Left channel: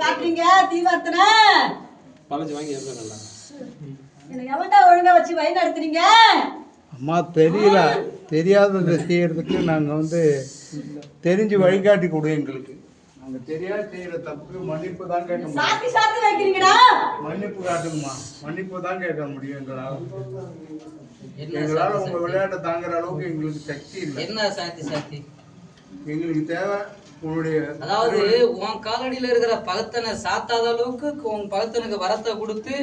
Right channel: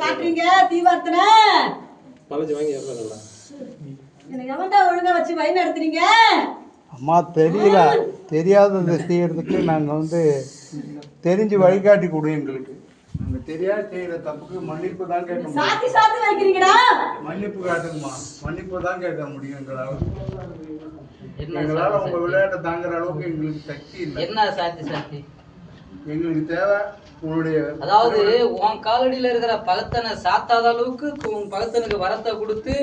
காட்டுறீங்க தீவார்த்தனை மலைச்சு வாங்கி ஏறல எனக்கு எவன்டா ஒழுங்கா வச்சு வழி நடத்துறீங்க? அம்மா தெரியல, தெரியாததை செய்யறதுக்கு நாங்கள் தெரிஞ்சு வழிகாட்டி கொடு எங்களுக்கு. நாங்கள் தெரியாது செய்கிற தப்புக்கு மன்னிப்பு தான் கேட்க சாத்தி சாத்தி வைக்கிறீங்கடா. மன்னிப்பு காட்டுங்கம்மா, மன்னிப்பு தான் கேட்க முடியும் எங்களால். எங்களால் உங்கள் விளையாட்டை தாங்குற அளவுக்கு எங்களுக்கு சக்தி இல்லை. என்ன சாத்தி சாத்தி எங்களுக்கு தேவை உன்னுடைய, அதாவது உன் காலடியில இருக்கிற பகத்தனை சாத்தாத அளவுக்கு உன் பகத்தனுக்கு வரத்தை கொடுத்து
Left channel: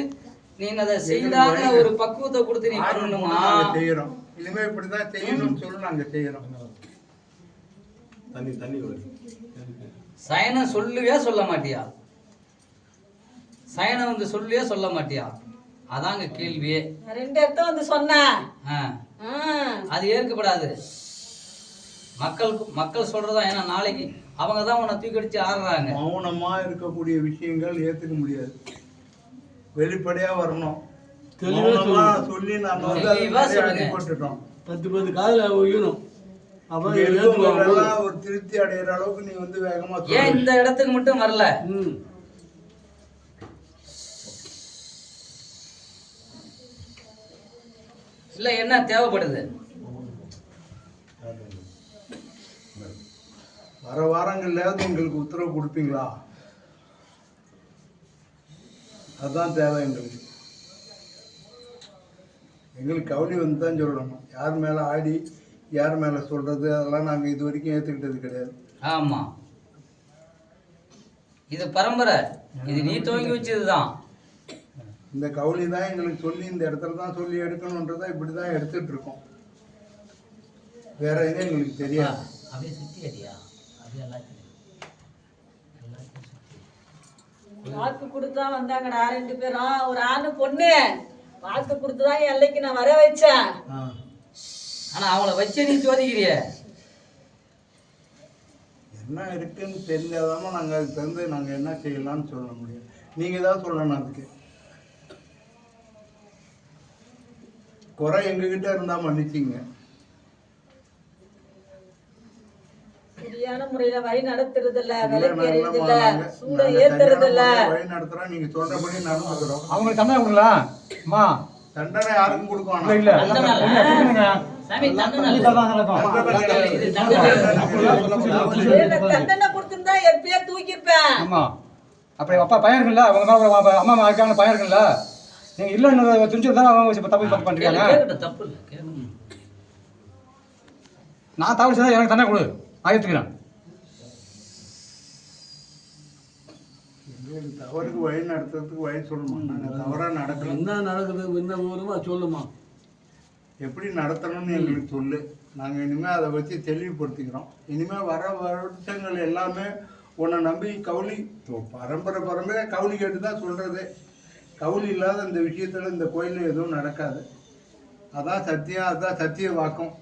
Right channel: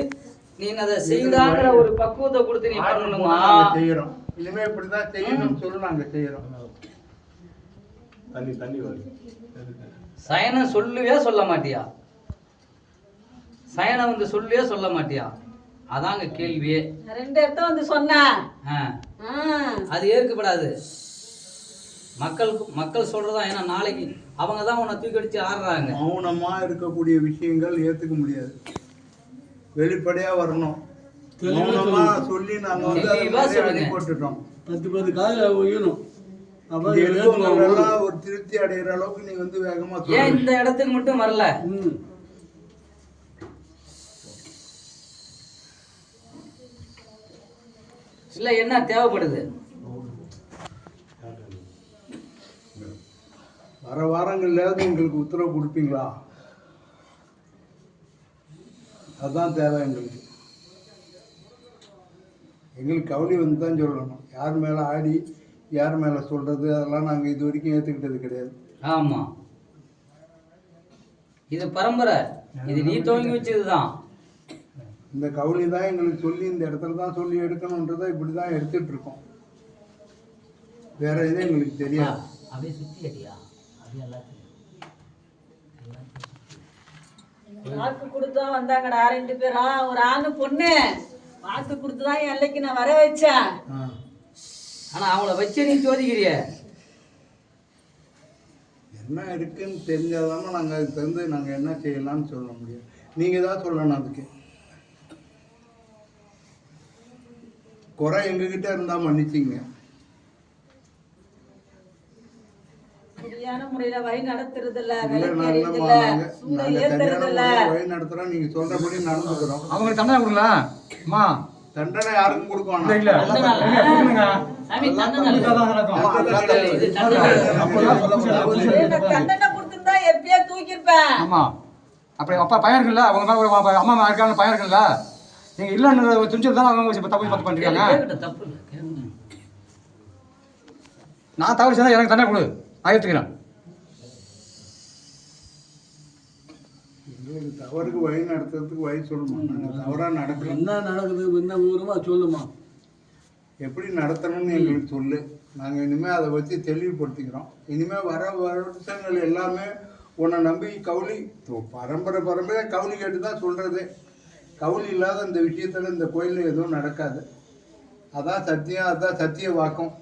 நீ அதை செய்தாங்கிற ஒரு பக்குவத்தை கொடுத்து நீ பண்ணணுமா? செய்யறோம். இனிமே இப்படிதான் செய்யணும்னு சொல்லி நாங்க செய்யறோம். தண்ணி தண்ணி வருது. சயனம் சொல்லுவே சொல்ல மாட்டியா? சயனம் வந்து சொல்லுவே சொல்ல மாட்டியா? அதாங்க கேள்வியே. ரெண்டு இடத்த வந்து சொன்னேன். அது ஏற்கப்படாது. மக்கள் சொல்றதா, ஏன்னா நாளைக்கு அவங்க தான் உன்னை தூக்கி அடிச்சு ஆடுறாங்க. மௌனமா இருக்கக்கூடிய விஷயங்கள் ஏத்துக்க முடியாது, வெளிப்படையா வரணும். சொல்லி நாங்க அடிபட்டுட்டோம். 10 காதுல ஒய்யணும். ஒரு திருப்தி அடைகிற அளவுக்கு நீ வேகமா ஏன் இந்த இடத்துக்கு மட்டும் வரல? இல்ல என்ன தேவைப்படுது? வர வாரங்கள்லாவது எங்களுக்கு உத்தரவு கொடுப்பீங்களா? அதுதான் தேவை எங்களுக்கு. எங்களுக்கு கவலை வந்து தான் சொல்லணும். யார் மேலே ஆடி யார் மேலே சொல்கிறது அதெல்லாம் நாங்கள் இது வரைக்கும் ஏற்றுக்கிட்டது கிடையாது. ஆமாம், இது பரம்பரை, இது நீ துவங்கி வச்சது தான். இந்த கவலை தான் எங்களுக்கு சொல்லி இந்த இடத்துல தான் சொல்லி எடுக்கணுன்றதை இப்படி தான் எடுத்துட்டு இருக்கோம். வேற எதுவும் எங்களுக்கு தெரியாது. அப்படியே சுற்றி அடியா, அப்படியே வாக்கு கொடுத்தா வந்தாங்கடா 2 பேரும், ஒரு ஆணு பொண்ணு. வாக்கு கொடுத்துதான் என் எல்லைக்கு நான் வர வச்சேன். ஆனா அவங்கள வச்சு நீ சோதிக்கிறிய. என்ன இருக்குன்னு தெரிஞ்சாதாம நாங்கள் அதுக்கு தகுந்து நாங்கள் என்ன செய்யலாம்னு சொல்ல முடியும். நீங்கள் தான் சொல்லணும். அதுக்கு குறை எங்ககிட்ட இருந்தால் மன்னிச்சிங்க. சரியான முறையில வழி நடத்துறது இல்ல, விலைக்கு எறியறது இல்ல, சூட ஏத்துறது இல்ல. வழி நடத்துறோம், நீங்க சொல்றபடி நடந்துக்கிறோம். அவங்க தண்டனை கொடுக்கலாம். அம்மா தண்டனை யாருக்கும் கொடுக்கணும். இல்ல தண்டனை கொடுத்திருந்தா எப்படியா தூக்கிருப்பேன். ஆமா, அப்படி அப்பா பையன் இருக்குல்ல, அவங்க மேல அம்மா இருக்காங்க, பையன் இருக்குல்ல, நீங்க இல்லன்னு துணிச்சதுதான் அவங்க தப்பு பண்றீங்க. தப்பு இல்லை, நான் தவறு செய்தா எனக்கு தண்டனை கொடு, நான் ஏத்துக்கிறேன். தவறுக்கு வழி நடத்துறதுக்கு வழி சொல்லுமா? நாங்கள் தவறாக நடக்கணும். என்ன நடக்குது, என்ன விவரமா சொல்லுமா, எப்படி நடத்தணும்னு எங்களுக்கு சொல்லு. நாங்கள் இனிமேல் அதை வச்சு தெளிவுபடுத்திக்கிறோம். இனிமேல் வர வருஷங்கள் எல்லாமே உன்னை நம்பி கவுளி பரம்பரை கவுளி கேட்டு தான் சொல்கிறது. கவுளி இல்லாத இந்த விஷயத்தில் இந்த கோயிலில் எதுவும் நடக்காது. அதான் சத்தியம், அதுதான் சத்திய வாக்கம்.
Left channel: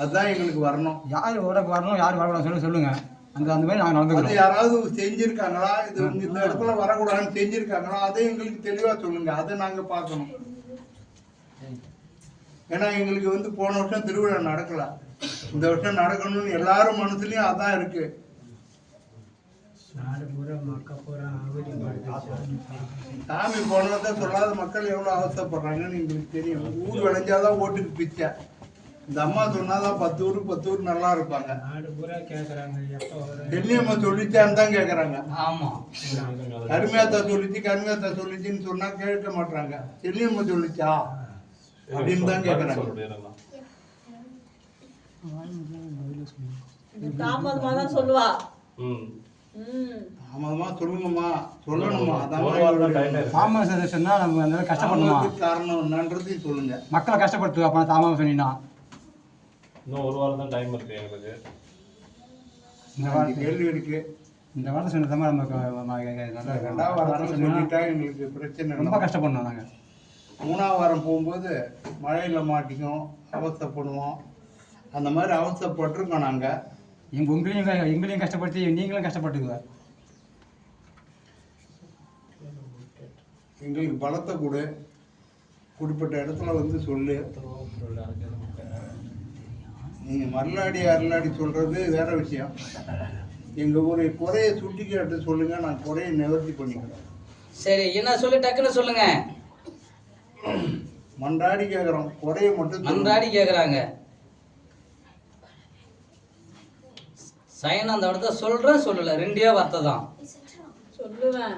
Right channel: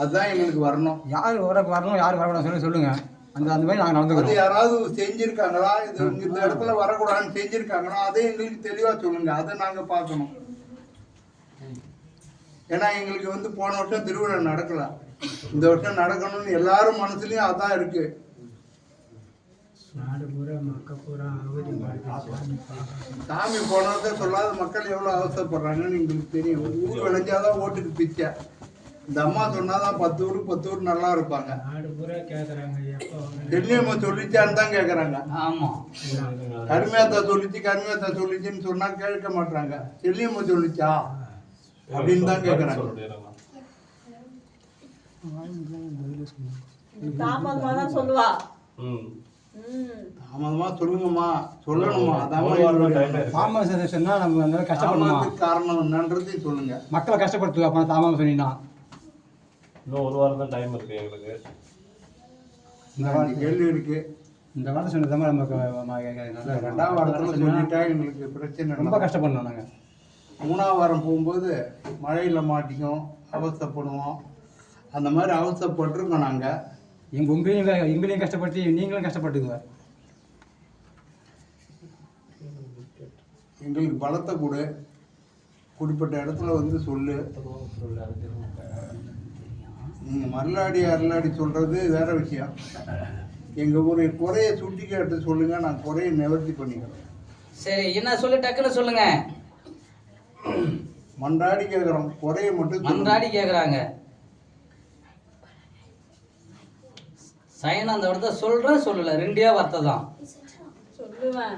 அதுதான் எங்களுக்கு வரணும். யார் வரணும் யார் வரக்கூடாது சொல்லுங்க. அந்த மாதிரி நாங்கள் நடந்துக்கிறோம். யாராவது செஞ்சுருக்காங்களா, இது இந்த இடத்துல வரக்கூடாதுன்னு செஞ்சுருக்காங்களா, அதை எங்களுக்கு தெளிவாக சொல்லுங்கள். அதை நாங்கள் பார்க்கணும். ஏன்னா எங்களுக்கு போன வருஷம் திருவிழா நடக்கல, இந்த வருஷம் நடக்கணும்னு எல்லாரும் மனசுலையும் அதான் இருக்கு. சாமி போன வருஷம் சொல்லாத மக்கள் எவ்வளோ அவசரப்படுறாங்கன்னு எங்களுக்கு தெரியும். ஊர் விளைஞ்சாதான் ஓட்டுக்கு பிச்சை. இந்த அம்மா சொன்னாதான் 10 ஊருக்கு 10 ஊர் நல்லா இருப்பாங்க. டெல்லியம்மா சொல்லிச்சான்னு தான் கேட்குறாங்க. கருமையாத்தா சொல்லிச்சுன்னு சொன்னா கேட்க மாட்டாங்க. டெல்லியம்மா சொல்லிச்சா அப்படின்னு தான் கேட்குறாங்க. தாமதமா தான் சொல்லுவா. தாமதமா சொல்லுங்கம்மா, சொல்லணுமா? அதான் சொன்னா நம்ம கஷ்டப்படணுமா, காரணம் என்னன்றதையும் சொல்லுங்க. மக்களை கஷ்டப்படுத்து. அப்ப தாமதம் சொன்னீங்கன்னா இன்னும் 1 வாரம் தான் டைம் இருக்கு எங்களுக்கு. இந்த கேள்வி இருக்கு. இந்த வாரம் சொன்னதாம நமக்கு 2ஆவது வாரத்தில் சொல்லிட்டா எங்களுக்கு பிரச்சனை. ரொம்ப கஷ்டப்படணும். நாங்கள் 3ஆவது வாரம் போகும்போது மழையில் மாட்டிக்கும், அவசரப்படுவோம். அந்த மாதிரி அவசரப்பட்டிருக்கோம். நாங்கள் எங்களையும் கஷ்டப்படுத்தி நீங்களும் கஷ்டப்பட்டுக்குங்க. எங்களுக்கு பலத்தை கொடு, குறிப்பிட்ட இடத்துல சொல்லு. நீங்கள் மல்லாடி அருளாடி சொல்கிறது வேற விஷயம். எங்கள் ஒரு குறையை சுட்டி கேட்டு சொல்லுங்கள், நான் குறையை நிவர்த்தி பண்ணிக்கிறோம். சரி, என்ன சொல்லு, டக்குன்னு சொல்லுங்க. மன்றாடி கேட்குறோம், குறையை மட்டும் மன்றாடி கேட்குறாங்க. சைனா அந்த இடத்த சொல்கிறேன் சொல்லலை, ரெண்டே வார்த்தை தான் சொல்லுவேன்.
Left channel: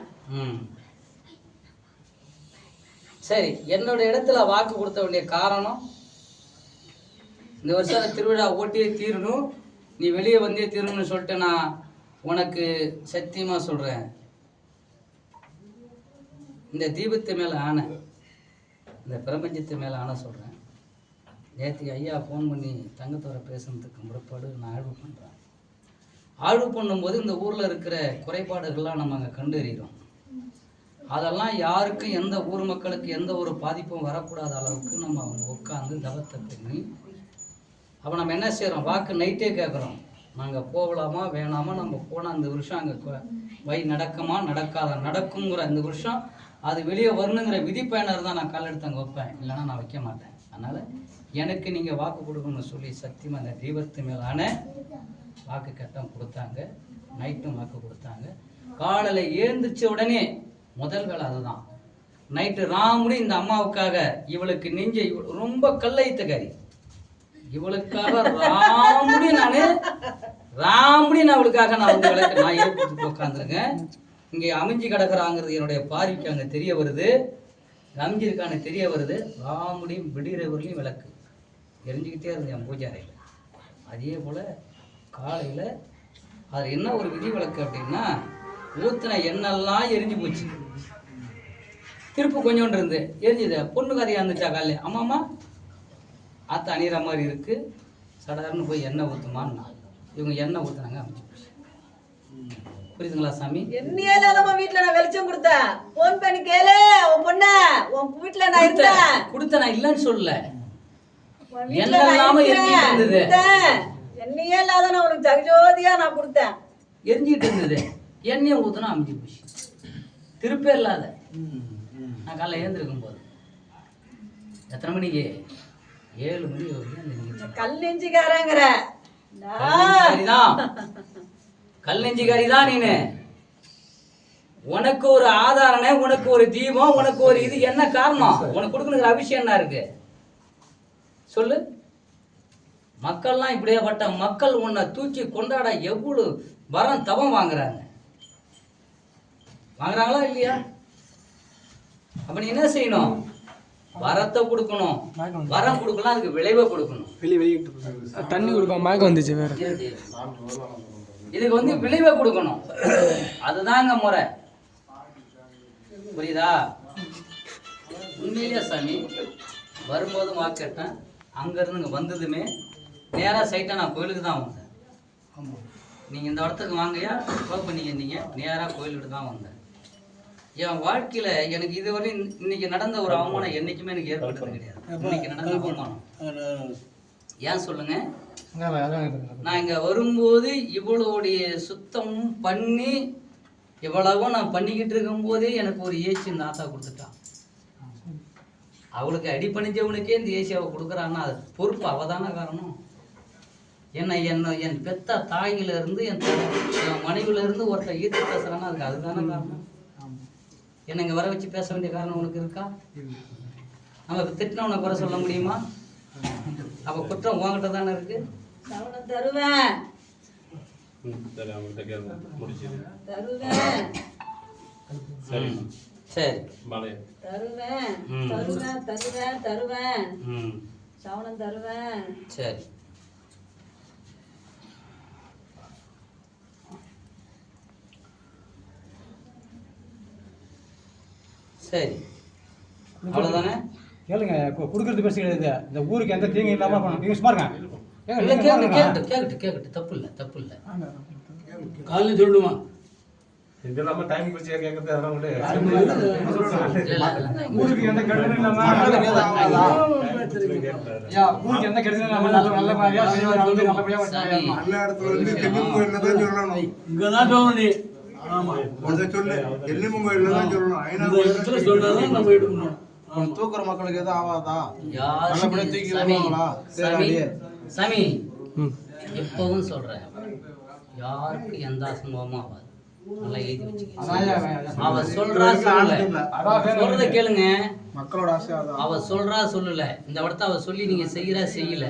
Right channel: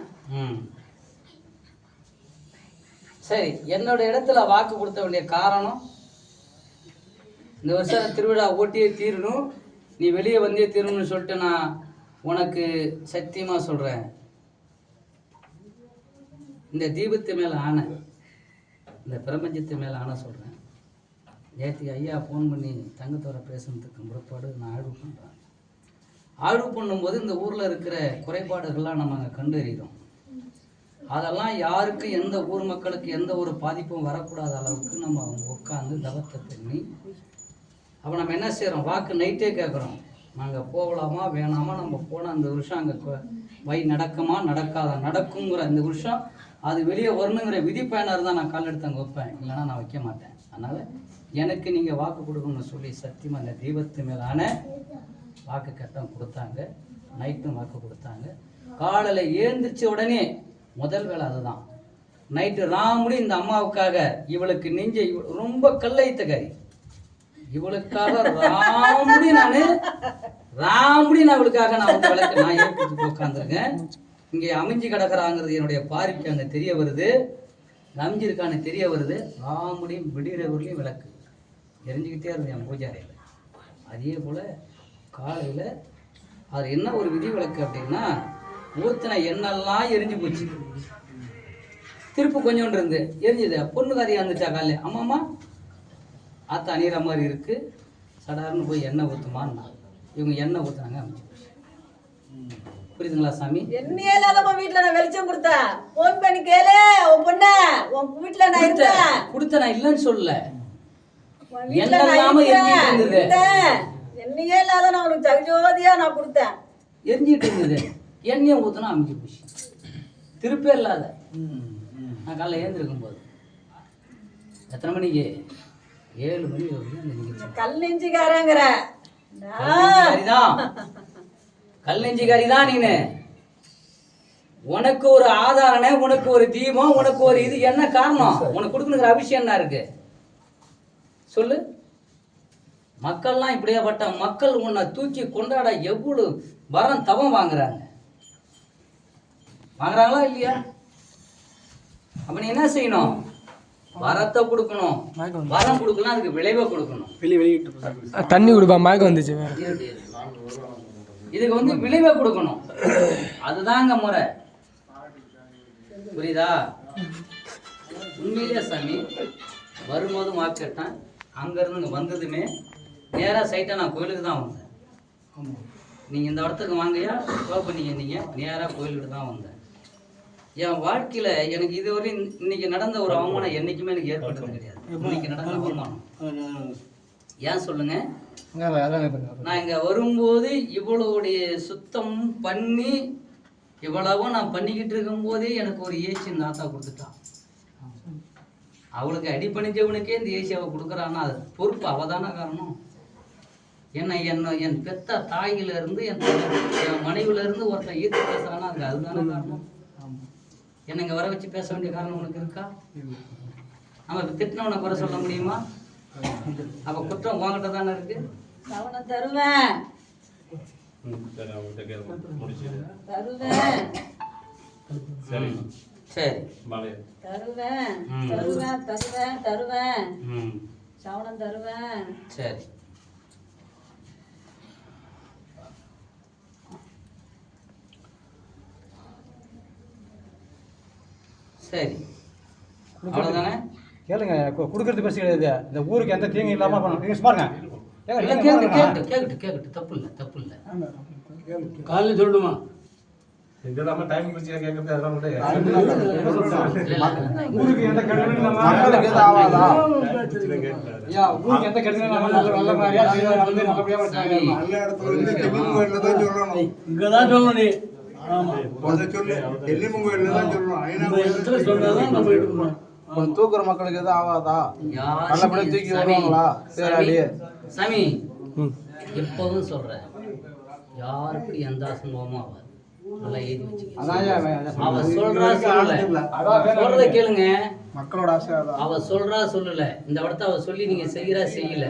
சரி, என்னோட இடத்துல வாக்கு கொடுத்த வேண்டிய காரணம், இந்த வருஷம் திருவிழா ஓட்டியே தீரணும், நீ வெளியே வந்தே தீரணும்னு சொல்லிட்டு நான் உனக்கு சத்தியமாக சொல்கிறேன். இந்த தீபத்து மேலே ஆணை, இந்த பிரபஞ்சத்து மேலே ஆணை சொல்கிறேன். நேற்றுக்கு ஐயா ஃபோன் பண்ணி தங்கத்தோட பேசுனதுக்கு முறைப்பாடு நான் ஆய்வு பண்ணுறேன். ஆய்வு பண்ணும்போது இந்த ஊரில் இருக்கிற குறைபாடுகள்லாம் நம்ம அங்கே கண்டறிகிறோம். அதெல்லாம் யாருக்கும், எந்த ஊர் மக்களுக்கு எந்த ஒரு பாதிப்பும் வரக்கூடாத அளவுக்கு நம்ம அவங்க உட்காந்து தவத்தை பண்ணி, அப்போ நம்ம என்ன செய்கிறோம், வாக்கு நைட்டே கேட்குறோம், நாங்கள் போகலாமா வேணாமா, நம்ம போனால் அந்த வருஷம் அங்கே வை நடக்குமா நடக்காத, நடக்குங்கிற இந்த வருஷம் அது வெளியே வரணுங்கிற விதி பயனர் தான் நான் கால் எடுத்து அங்கே வைப்பேன், இல்லைன்னா நான் வைக்க மாட்டேன். அதனால் எனக்கு நீங்கள் வாக்கு கொடுக்கணும்னு சொல்லி சத்தியமாக அந்த தெய்வத்து மேலான வாக்கு கட்டம் கொடுத்தாங்க. நைட்டும் வாக்கு கொடுத்தாங்க. காலையில் ஏந்திரிச்ச உடனே முதல் வேலை அதுதான். நைட்டு ராமுடி இந்த அம்மாவுக்காக, இவளுக்கு நெஞ்ச ரொம்ப கல்லைத்தகாரி, இவளுக்காக ராமுடி நான் இவளுக்காக நான் வந்து விளக்கு நான் ஏற்று உட்காந்துருக்கேன். இங்கே அமைஞ்சு கிடக்குறாங்கிறது என்னுடைய பார்வைக்கு அங்கே தெரிய வருது, அமைஞ்சிருக்கான்னு தெரிய வருது. ராமுடியும் விடுகிறவர்களையும் விளக்கு எரிஞ்சிக்கிட்டே இருந்தது என் பூஜை அறையில். அதே போல் காலையில் அது என்ன ஒரு விதி விளக்கு அப்படின்னா, ஊற்றின எண்ணெல்லாம் எரிஞ்சு போச்சு, திருப்பு கொஞ்சோண்டு இருந்து எரிஞ்சுது. பொண்ணு கதையாக இருந்துச்சா காலையில், அம்மாம்மா ஆற்ற அணிகிற மாதிரி இருக்குது, சடார்னு போய் எண்ணெய் ஊற்றுமான்னா இவங்க எண்ணெய் ஊற்றுனாங்க, அமைச்சு போச்சு. புரியுதுங்களா சாமி? என்னையே இல்லாதம்மா வீட்டில் நான் வெளிச்சம் கொடுத்தேன், ஃபோன் பண்ணி கேளு உன் பொண்ண, உன் வீட்டில் நான் இருந்தேன். கொடுத்த நான் இல்லைன்னு சொல்லல, என்னையே இல்லாத நான் உனக்கு ஜகஜோதியா நான் கொடுத்தேன், எரிஞ்சிட்டு இருந்தது. எண்ணெயை ஊற்றினா அமைஞ்சு போச்சு, திருப்பே இல்லாத. நான் காலைல ஏந்திருக்கும் போது எத்தனை மணிக்கு, 7 மணி வரைக்கும் கல் நெஞ்சுக்காரங்கிற கல் நெஞ்சுக்காரி தான் நீனு. உனக்கு ஒரு ஆதாரணை, உனக்கு ஒரு தீபம், உனக்கு ஒரு இது என்ன காரணம், உனக்கு கொடுக்கணுங்கிற அவசியம் என்ன இருக்கு சொல்லு. மக்கள்லாம் இப்படியாப்பட்ட மக்கள் உன்னை தூக்கி கொண்டாட எவ்வளவு வரம் தவம் வாங்குறாங்களா இல்லையா? அப்ப நீ என்ன செய்யணும், வரத்தை கொடுக்கணும். வரம் கொடுக்கலாம், அதுக்கு விளைவை கொடுக்கணும். தண்ணி குடிப்பா, மயக்கம் வந்துச்சு. இதுக்கு வந்து விளைவை கொடுக்கணும், அதுதாங்க முறை. புரியுதா? உண்மையிலேயே சாமி வரும்போது வாக்கு கேட்டேன், அங்கேருந்து இங்கே வந்ததுமே நேராக சைட்டாக நான் கோயிலுக்கு தான் வந்தேன். நீங்கள் இந்த இடத்துக்கு வாங்கயா பண்ணிக்க, நீங்கள் நேராக கோயிலுக்கு தான் வந்தேன். என் வாழ்க்கையில் எனக்கு இதுவரை இன்னைக்கு நடந்த ஒரு அவமானம் என்றைக்குமே எனக்கு ஏற்பட்டது கிடையாது. இன்னைக்கு நடந்த அவமானம் ஏன் சொல்லுங்க, நான் இங்கே வரும்போது இவ்வளோடைய சுத்தம் பண்ணி இவ்வளவும் நான் பண்ணிக்கிட்டு இருக்கும்போதே எனக்கு ஒரு ஏசி இந்த ஆத்தா கொடுத்துட்டான். அவளுக்கு அடி பண்ணிச்சவனுக்கே இந்த ஏசி அவள் கொடுக்குறான்னா அது பொறுப்பு அவதான காரணம். என் பெத்த தாயிலிருந்து என் மனைவிலிருந்து ஒருத்தர் ஈர்த்து பேசுறான்னா அதுக்கு அதுதான காரணம். என்னை இங்கே வர வச்சு பேச வேண்டிய காரணம் உனக்கு இருக்கா? நம்ம திட்டினவனை குறை சொல்ல முடியுமா? அப்போ குற்றம் உங்ககிட்ட தானே இருக்கு. அவனை தருவேன் தருவேன் சரி தருவேன் தருவேன் தருவேன் தருவேன் சவணம் தருவேன். சரி சரி அவ்வளோதானே. கேளுங்க, கொடுக்கறது பெருசு கிடையாது. இந்த ஊருக்கு எந்த தீங்கு இல்லாமல் பண்ணணும். நீங்கள் சும்மா இருங்க. கேட்கட்டு தப்பு இல்லை, தப்பு இல்லை. காலையில் சொல்லுமா இதெல்லாம் டைம் பிடிச்சி கேட்கறது அதெல்லாம் ஊருக்கு எந்த கெடுதலும் இல்லாமல் ஊருக்கு எந்த கெடுதலும் இல்லாமல் நல்ல மாதிரியா நல்லபடியாக நல்ல இடத்துல வந்து தென்னிமன் கோயிலில் தான் சொல்லணும். இங்கே தான் சொல்லணும் நீ. அதை சொல்லு, தென்னிமன் கோயிலில் தான் சொல்லணும். ஐநா கோயிலில் சொன்னதான் நம்ம எடுக்கணும். தூக்குற மக்களுக்கு எதுவும் ஆகாதா? யார் நல்லபடியா தூக்கி வருவாங்களா? சரி சாமி எப்பவும் சொல்றேன், யாருக்கும் எந்த அசம்பவமும் ஆகாது. நல்லா எழுதி அதான் ஐயா, வச்சுக்க. அவ சொல்றா சொல்லல, சொல்றத கேளுங்க. மக்களோட ஆசை அதான். அவ சொல்றா சொல்லல, இந்த இடத்த அவ சொல்லி நீங்க செய்யறா செய்யல,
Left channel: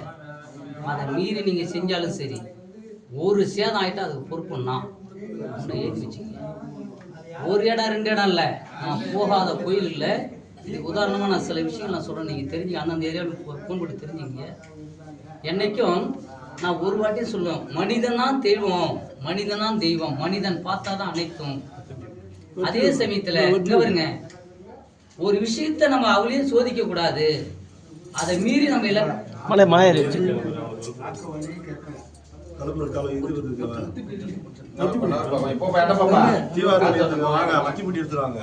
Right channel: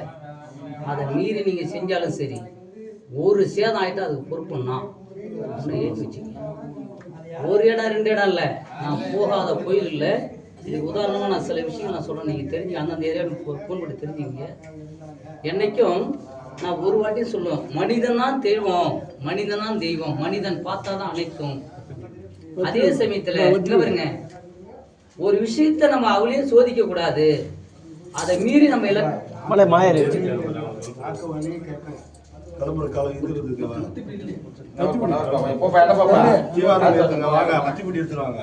அதை மீறி நீங்க செஞ்சாலும் சரி, ஒரு சேதம் ஆயிட்டா அதுக்கு பொறுப்புன்னா எழுதி வச்சுக்கங்க. ஒரு இடம் 2 இடம் இல்லை, நான் போகாத கோயில் இல்லை. இது உதாரணமாக நான் சில விஷயங்கள் நான் சொல்கிறேன், நீங்கள் தெரிஞ்சு அந்தந்த ஏரியாவுக்கு ஃபோன் பண்ணி தெரிஞ்சுங்க. என்றைக்கும் நான் ஒரு வாட்டி சொல்லுவேன், மனிதன்தான் தெய்வம், மனிதனான் தெய்வம், மனிதன் பார்த்தா தான் அனைத்தும். அதே சமயத்தில் வருங்க, ஒரு விஷயத்தை நம்ம அவளையே சோதிக்க கூடாது, அதை மீறி நம்ம எல்லாம் மத்திப்பட்டி எடுத்துருவாங்க.